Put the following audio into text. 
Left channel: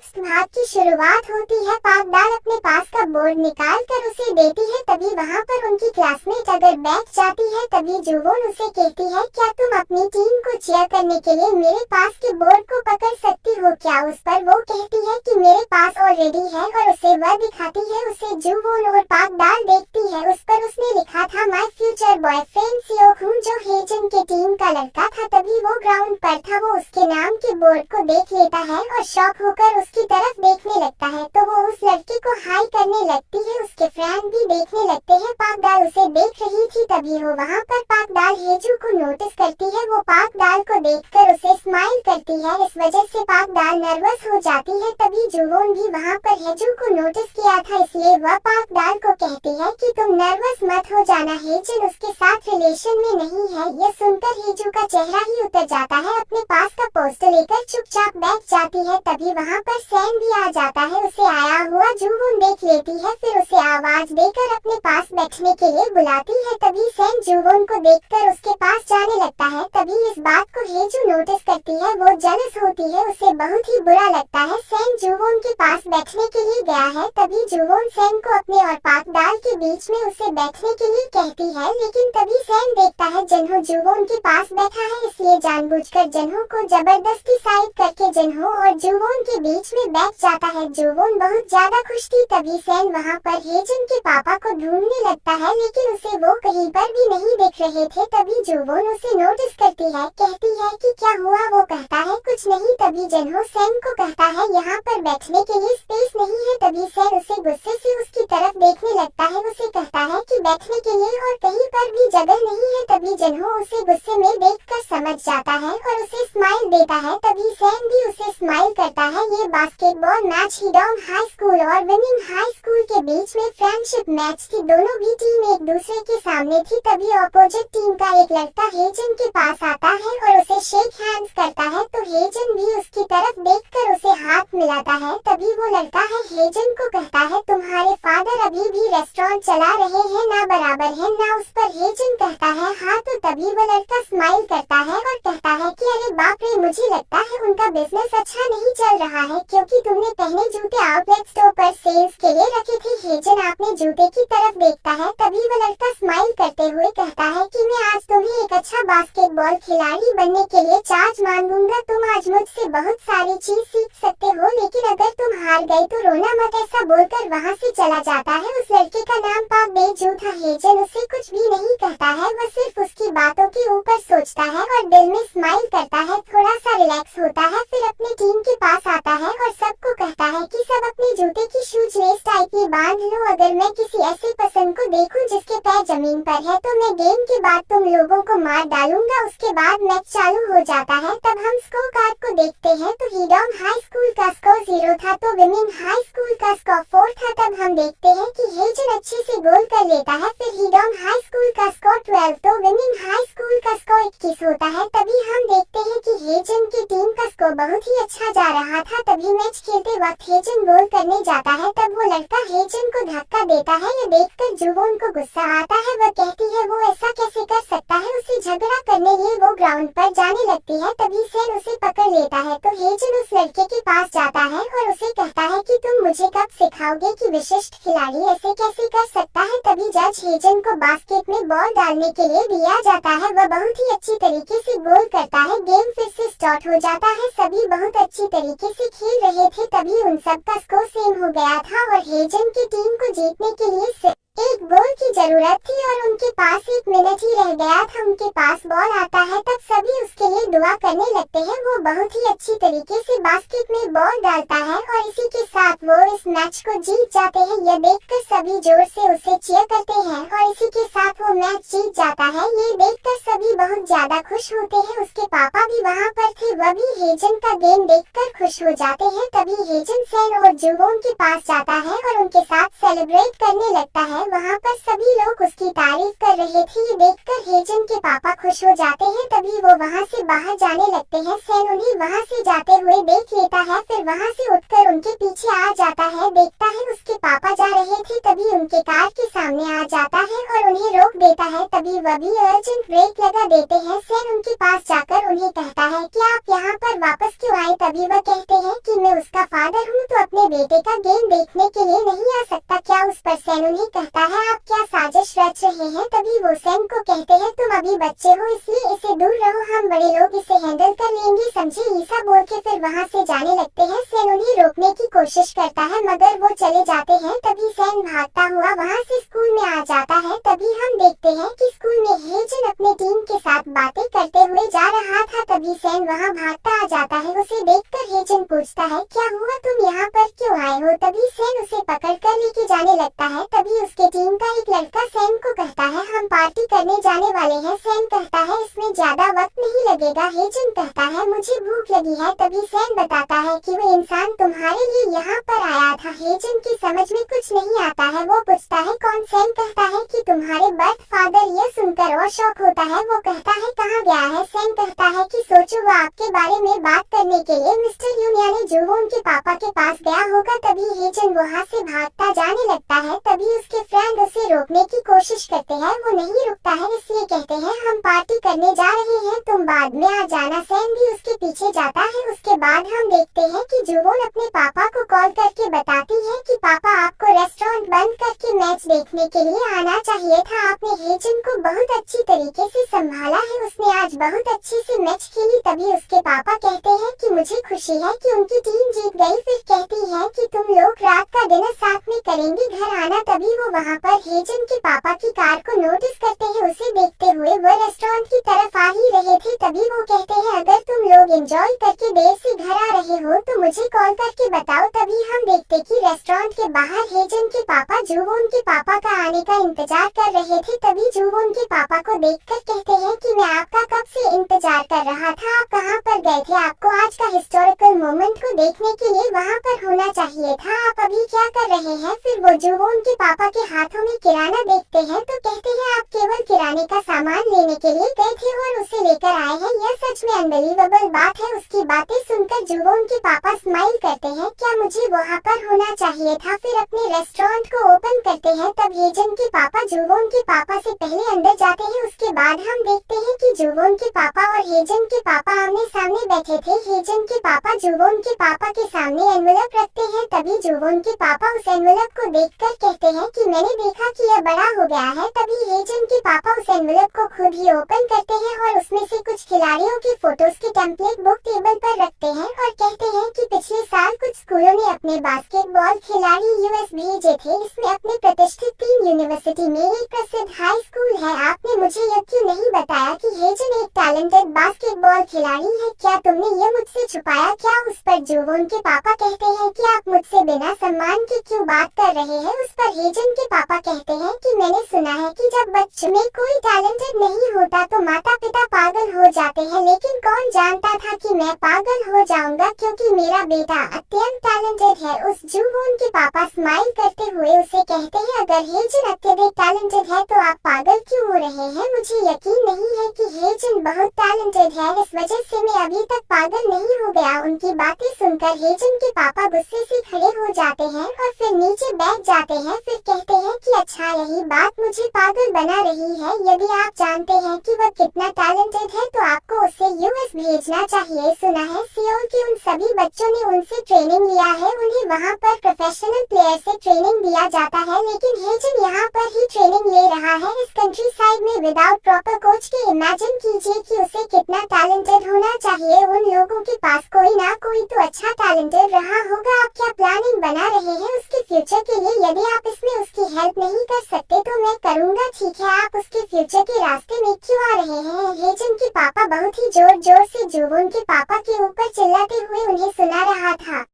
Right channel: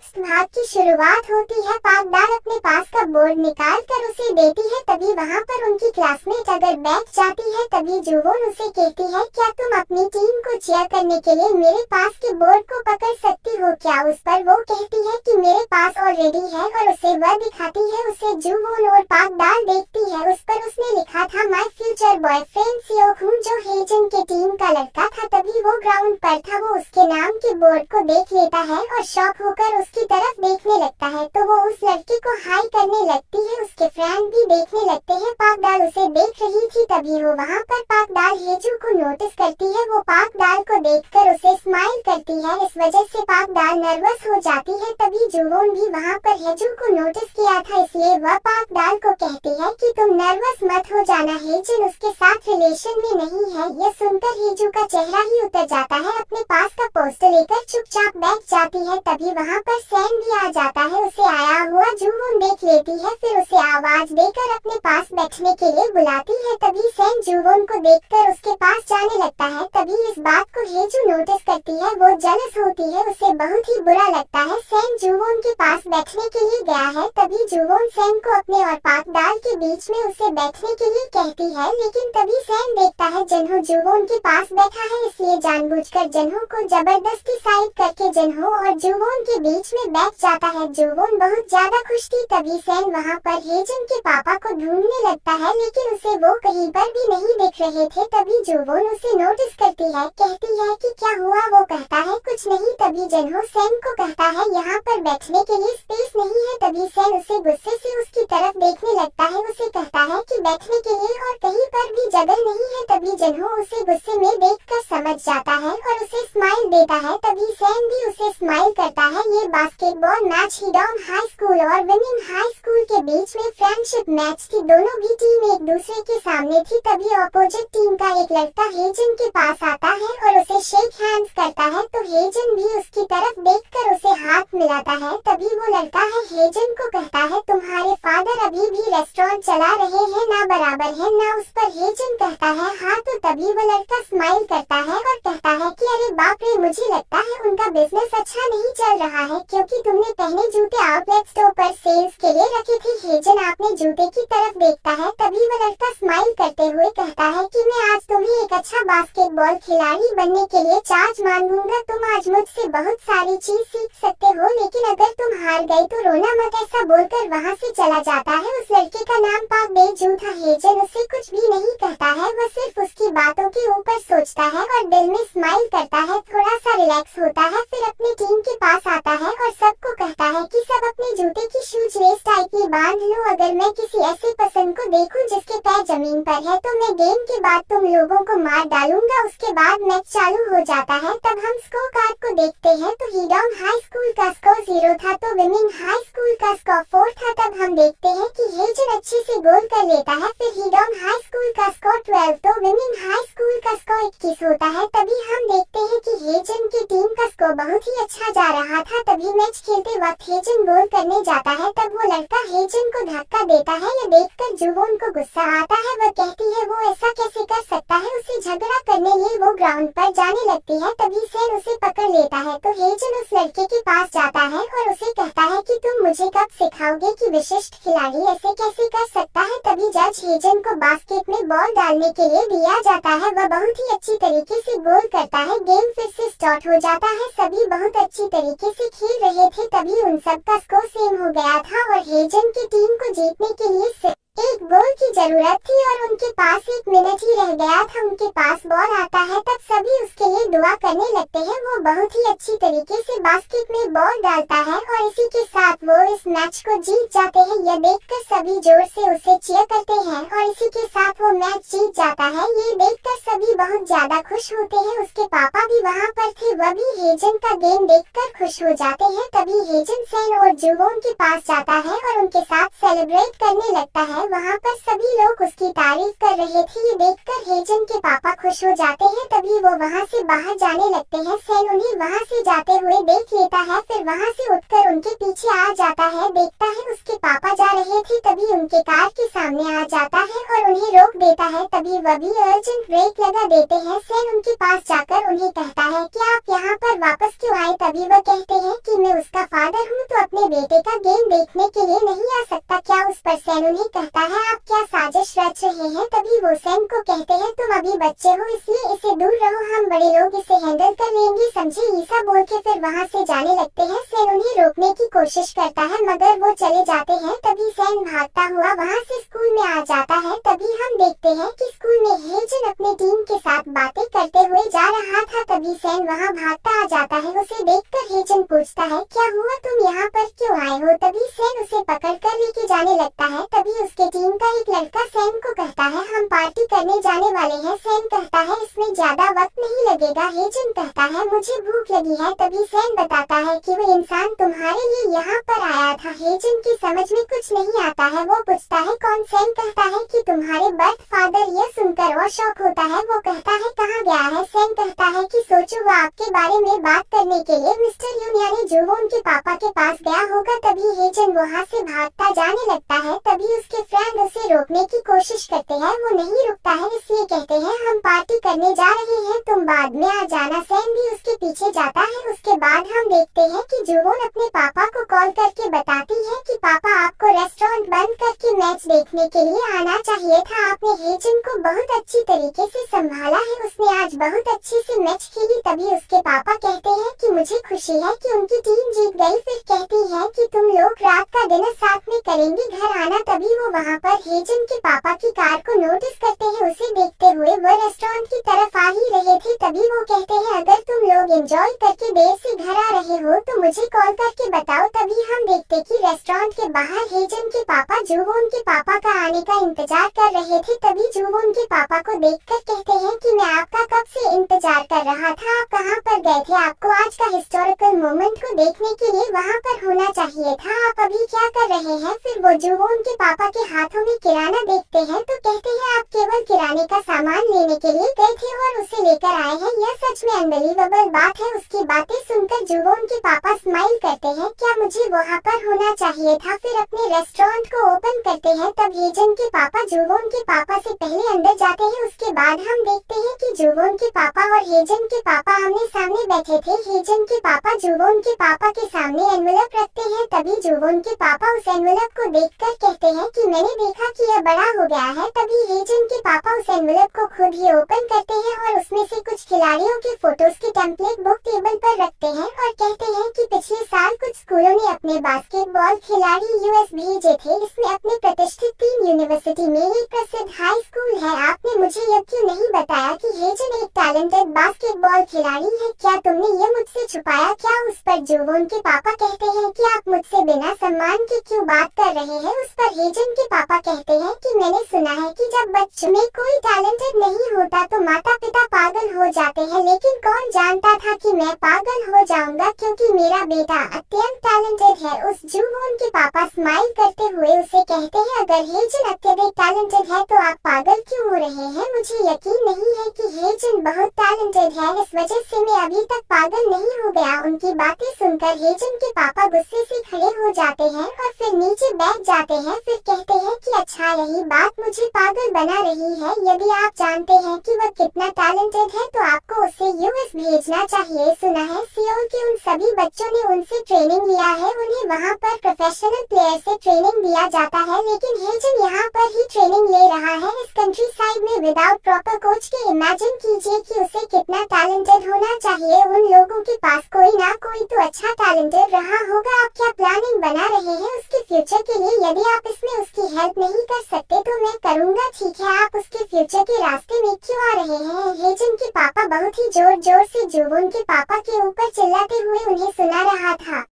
Next भाग की शुरुआत होती है। पाकदाल अपने पास का बोर्ड निकाल कर उसे देती है। तभी वहाँ पर उनकी क्लासमेट अगर बैठ जाती है। तभी जुवोन उसे कहती है, क्या तुम अपनी टीम को चीयर करने के लिए मेरे पास के बोर्ड को पकड़ सकती हो क्या? उस पर वो कहती है कि मेरे पास ऑलरेडी है और उसे वह दिखाती है। उसे जुवोन और पाकदाल देखती है। उस पर उसने लिखा था माय फ्यूचर बॉयफ्रेंड सियोहून, जो हेजन के टीम का लड़का था। तभी वो ग्राउंड पर था। वो उसके नाम के बोर्ड को देख लेता है और शॉक होकर उसकी तरफ देखने लगता है। तो वो उस लड़के को हाई करने लगती है। उसके फ्रेंड भी देखने लगते हैं। पाकदाल उसे देख रही थी। तभी वो वहाँ पर पाकदाल हेजू को नोटिस करती है। वो पाकदाल को देखकर उसे स्माइल करती है। इस वजह से पाकदाल नर्वस हो जाती है। तभी जुवोन भी वहाँ पर हेजू को नोटिस किया था, इसलिए वह पाकदाल को कहती है कि तुम नर्वस मत हो जाना, हेजन उसके साथ रिलेशन में नहीं है। यह सुनकर हेजू का चेहरा ही उतर जाता है। अपने पास का पोस्टर लेकर चुपचाप बैठ जाती है। तभी वहाँ पर सैन भी आ जाता है। उसे आया हुआ जुवोन देख लेती है, फिर उसे आवाज देकर अपने पास बैठने के लिए बुलाती है। तभी सैन जुवोन को देखकर उसके पास जाने लगता है। तभी इस बात को हेजू नोटिस करती है। वो जेलस होती है, उसे बहुत ही बुरा लगता है। सैन जुवोन के पास बैठने के लिए गया है। तभी जुवोन सैन को अपने और पाकदाल के बीच में उसे बैठने के लिए कहती है, लेकिन तभी सैन देखता है जन्हो जुवोन के पास बैठा है, इसलिए जानबूझकर जन्हो को जबरदस्ती साइड करके जन्हो और जुवोन के बीच में बैठ जाता है। जुवोन बहुत ज्यादा खुश थी। तभी सैन वहाँ पर हेजन के पापा को ढूंढने लगता है, लेकिन उसे वो कहीं पर भी नहीं दिख रहे थे। तभी जुवोन उसे नोटिस करती है, कहती है कि क्या हुआ? वो कहता है कुछ नहीं। तभी जन्हो सैन को कहता है यहाँ पर बैठने के लिए स्पेस नहीं है। तभी सैन उसे गुस्से से उसकी तरफ देखने लगता है। उसे कहता है कि बैठने के लिए और कहीं पर भी जगह नहीं है। तभी जन्हो उसे गुस्से में देखकर समझ जाता है और उसे स्माइल देता है। तभी सैन भी उसे स्माइल करता है। ये बास्केटबॉल मैच हीडोम हाई स्कूल और विमेन हाई स्कूल के बीच में फ्रेंडशिप मैच थी। दोनों भी टीम एक दूसरे के सामने थी। तभी अपोजिट टीम का एक लड़का हेजन के पास आता है और उसे शेक हैंड्स करता है। तो हेजन भी उसकी तरफ देखकर उसे हाथ मिलाता है। तभी वो लड़का है हेजन को कहता है, तुम्हारे फादर अभी भी रेस्टोरेंट चला रहे हैं ना, बराबर है ना? उस पर हेजन कहता है हाँ। तो तभी वो लड़का स्माइल करता है और कहता है कि अरे बाप रे, मुझे लगता है उनका बिजनेस अच्छा नहीं चल रहा है, क्योंकि तुमने पहले जूते आउटलेट स्टोर पर सेल्स के लिए रखे थे। हेजन आपने जूते की तरफ देखता है। तभी वो लड़का स्माइल करते हुए कहता है कि मैं आज तुम्हें एक अच्छा बास्केटबॉल खिलाड़ी बनने के लिए चार्ज मान दूंगा। तुम आज मुझसे बहुत सारी चीज सीख सकते हो, लेकिन अगर तुम हार गए तो रोना मत। ऐसा बोलकर वहाँ से चला जाता है। उस लड़के का नाम पाक बेजू था। हेजन उससे कुछ भी नहीं कहता है, वह सिर्फ उसकी बातों के ऊपर सोचता है और दिल में स्माइल करता है, थोड़ा सा रिलैक्स होता है। फिर अपनी टीम के पास आता है और सबको कहता है कि सब अपने जूते की शूज लेस टाइप में बांध लो। अगर मैं किसी ऐसे पसंद को देखूं जिसके पैर जमीन पर है तो मैं गेम के बाद तुम लोगों को मार डालूंगा। उसके बाद मैच चालू हो जाता है। तब हम स्कोर कार्ड को देखते हैं तो हीडोम हाई स्कूल का स्कोर 0 था तो विमेन हाई स्कूल का स्कोर 4 था। तब हम देखते हैं कि हेजन अच्छे से गोल कर लेता है। फिर हीडोम हाई स्कूल का स्कोर 12 तो विमेन हाई स्कूल का स्कोर 21 होता है। तभी हम देखते हैं कि हेजन की टीम का स्कोर बहुत ही अच्छा जा रहा था। तभी मैच खेलते वक्त हेजन गोल करने जाता है। तब वो लड़का हेजन को धक्का देता है। ये देखकर जुवोन को गुस्सा आता है। वह कहती है वो ऐसा कैसे कर सकता है। उसे झगड़ा करने लिए वो ग्राउंड पर जाने लगती है। तभी सैन उसे पकड़ लेता है। तो हेजन उस लड़के के पास जाता है और उसे कहता है कि तुम मुझे कब सिखाओगे कि विशिष्ट खिलाड़ी ऐसे कैसे कर सकता है। तभी जज हेजन को बास्केट में बॉल डालने के लिए दिया जाता है। वह बहुत ही अच्छी तरीके से गोल करता है। गेम फिर से स्टार्ट हो जाता है। सभी बहुत अच्छी तरीके से खेल रहे थे। तभी उन सब का स्कोर सेम हो गया था और हेजन की टीम को जीतने के लिए सिर्फ एक गोल की जरूरत थी और उनके पास 1 मिनट ही रह गया था। उनके पास बॉल आता है। तब सभी उसके लिए दुआ करने लगते हैं। वो बहुत ही अच्छी तरीके से बास्केट में बॉल डालता है और इसी के साथ वो इस मैच को जीत जाते हैं। यह देखकर सभी जोर से उसे चीयर करते हैं और इसी के साथ वो मैच जीत जाता है। ये देखकर सभी बहुत ज्यादा खुश होते हैं। उसके पापा भी वहाँ पर थे, वह भी हेजन का गेम देखकर खुश हो जाते हैं। तभी हेजन सैन और जुवोन के पास जाता है और उनके साथ सेलिब्रेट करने लगता है। है। वहाँ पर सभी लोग उसकी तारीफ कर रहे थे। ये देखकर हेजन के पापा खुश हो जाते हैं। तभी वो वहाँ से बाहर जाने लगते हैं। सैन उन्हें वहाँ से जाते हुए देख लेता है, फिर वहाँ से उठकर उनके पीछे आ जाता है। देखता है उसके पापा जा रहे थे, तभी उनके कार के सामने आ जाता है और उन्हें रोक देता है। तभी वह भी अर्जेंट ब्रेक लगा देते हैं। सैन उनके पास जाकर उन्हें कहता है कि आप यहाँ पर वापस क्यों आए। तभी वह कहते हैं कि मैं उसका फादर हूँ, तो अपने बेटे का गेम देखने के लिए नहीं आ सकता क्या। उस पर सैन उन्हें कहता है आप क्या साजिश रच रहे हैं। तभी वो सैन को कहते हैं तुम अभी बच्चे हो, इसलिए इसे दूर रहो, हम बड़े लोग इसे हैंडल कर लेंगे, समझे। ईसा बोल के फिर वहाँ से जाने लगते हैं। सैन उन्हें रोकने की कोशिश करता है मगर वो चले जाते हैं। तभी सैन भागता हुआ वहाँ से स्कूल में आ जाता है। तभी हम देखते हैं कि स्कूल में हेजन अपने टीम के साथ बातें करते हुए जा रहा था। तभी सैन वहाँ भागता आ जाता है। उसे देखकर हेजन पूछता है क्या हुआ, तुम यहाँ पर क्यों आए हो। तभी सैन उसे पकड़ कर लेके जाने लगता है। तभी उसके टीम का एक लड़का सैन को कहता है हम पार्टी करने जाने वाले हैं। सैन कहता है इसमें ज्यादा वक्त नहीं लगेगा। हेजन कहता है मुझे भूख लगी है। तभी सैन बताता है कि वो इंसान तुम्हारे लिए यहाँ पर आया था। हेजन की समझ में कुछ नहीं आता है। वो पूछता है कौन। सैन कहता है कि तुम्हारे बर्थ फादर। यह सुनकर और शौक होता है। वो कहता है कहाँ गया है। सैन कहता है कि सोचो वो आपके बारे में बात करने के लिए मिस्टर यून यानी जुवो उनके पापा के पास गया होगा। तभी हेजन वहाँ से भागता जाने लगता है। तभी उसके फ्रेंड उसे रोकने की कोशिश करते हैं। वो नहीं रुकता है, इसलिए कहते हैं हम पार्टी करने जा रहे हैं, तुम बाद में आ जाना। सैन भी उसके पीछे जाता है। उसके बाद हम देखते हैं कि जुवोन अपने पापा को कॉल करके बताती है कि पापा आपको रेस्टोरेंट बंद करके मैच देखने के लिए आना चाहिए था। आपने हेजन को बहुत अच्छी तरीके से संभाला है, उसने आज बहुत अच्छे से मैच खेली। तभी उसके पापा कहते हैं कि मुझे खुशी है कि उनकी टीम जीत गई। फिर कहती है कि तुम लोग रात का डिनर साथ में करेंगे, घर आना। तभी वो वहाँ पर हेजन के पापा की कार को नोटिस करते हैं। उसे देखते हुए वो रेस्टोरेंट की तरफ आ ही रहे थे। तभी वो कहते हैं अगर तुम लोग एंजॉय करके देर से घर आ रहे हो तो मुझे कॉल करके बताओ। तभी हम देखते कि रेस्टोरेंट के बाहर हेजन के पापा जुवोन के पापा का आने का इंतजार कर रहे थे। तभी जुवोन के पापा को देखकर कहते हैं कि मैं आपका कब से इंतजार कर रहा था, आप कहाँ पर गए थे। आपको आज का हिस्टोरिकल मोमेंट को देखने के लिए वहाँ पर होना चाहिए था, आप अभी क्या कर रहे हैं। फिर वो जुवोन के पापा के हाथों में किराना देखते हैं तो कहते हैं आप केवल किराने का सामान लेने के लिए गए थे और उसे लेकर आए हैं, यह सच में अनबिलीवेबल बात है। उसकी बातें सुनकर जुवोन के पापा स्माइल करते हैं, क्या मुझे वहाँ पर होना चाहिए था। फिर अपने रेस्टोरेंट को ओपन करते हैं। तब हेजन के पापा जुवोन के पापा से पहले अंदर जाते हैं। उसके बाद हम देखते हैं कि जुवोन के पापा और हेजन के पापा आमने सामने बैठे थे। हेजन के पापा जुवोन के पापा के सामने एनवेलप रखते हैं। तभी जुवोन के पापा उस एनवेलप को देखकर कहते हैं कि मैंने देखा कि यह बड़ा हो गया है। तभी हेजन के पापा उस एनवेलप को खुद ही ओपन करते हैं और उसमें से कुछ खिलाड़ियों के फोटोज की टेम्पलेट बुक टेबल पर रखते हैं और कहते हैं कि पिछले साल कुछ स्कूलों ने अपने बास्केटबॉल खिलाड़ी यूएस भेजे थे। इसमें अपने प्रतिष्ठित 3 यूनिवर्सिटी में एक प्रसिद्ध हाई स्कूल है। आपने मुझे यह क्यों नहीं बताया कि हेजन एक टैलेंटेड बास्केटबॉल खिलाड़ी है, क्या तुमने ये मुझसे छुपाया क्या। उस पर जुवोन के पापा कहते हैं कि आप मुझसे बिना सम्मान के क्यों बात कर रहे हैं। उस पर हेजन के पापा कहते हैं कि मैंने सुना है कि जब बच्चों में कोई टैलेंटेड नहीं होता तो माता पिता पागल हो जाते हैं, लेकिन कौन जानता था कि मैं पागल हो जाऊंगा क्योंकि मेरा बेटा अत्यंत टैलेंटेड है। उस जुवोन के पापा स्माइल करते हुए उसे कहते हैं अगर हेजन अत्यधिक टैलेंटेड है तो आप पागल क्यों हो रहे हैं। मुझे यकीन नहीं है कि हेजन बहुत टैलेंटेड है, इस वजह से मैं अभी तक पागल नहीं हो गया। उनकी बातें सुनकर हेजन के पापा गुस्से से खड़े हो जाते हैं और फिर नीचे बैठ जाते हैं। फिर कहते हैं कि अच्छा यही बात मुझे पागल बना रही है। यदि आप जानते हैं कि वह कितना टैलेंटेड है तो आपको उसे यूएस भेजना चाहिए। सुना है सियोल के उन सभी बच्चों ने उनसे ट्रेनिंग लिया है, उन्हें वहाँ पर प्रोफेशनल प्लेयर से ट्रेनिंग दिया जाता है, लेकिन हेजन यहाँ पर ही ट्रेनिंग ले रहा है इस कंट्री साइड में विदाउट प्रॉपर कोच के। इमेजिन कीजिए कि उसे कितना टैलेंटेड होना चाहिए। उन लोगों के पास कोई ना कोई तो अच्छा टैलेंटेड रहा होगा। आप क्या प्लानिंग बना रहे हैं उसके फ्यूचर के लिए। यदि आप इसमें उसकी हेल्प नहीं कर सकते तो मैं करूँगा, ठीक है। आप उसके फ्यूचर के रास्ते में क्यों आ रहे हैं। हेजन के पापा बहुत ही जोर जोर से जुवोन के पापा के ऊपर चिल्लाते हुए उन्हें सुना रहा था।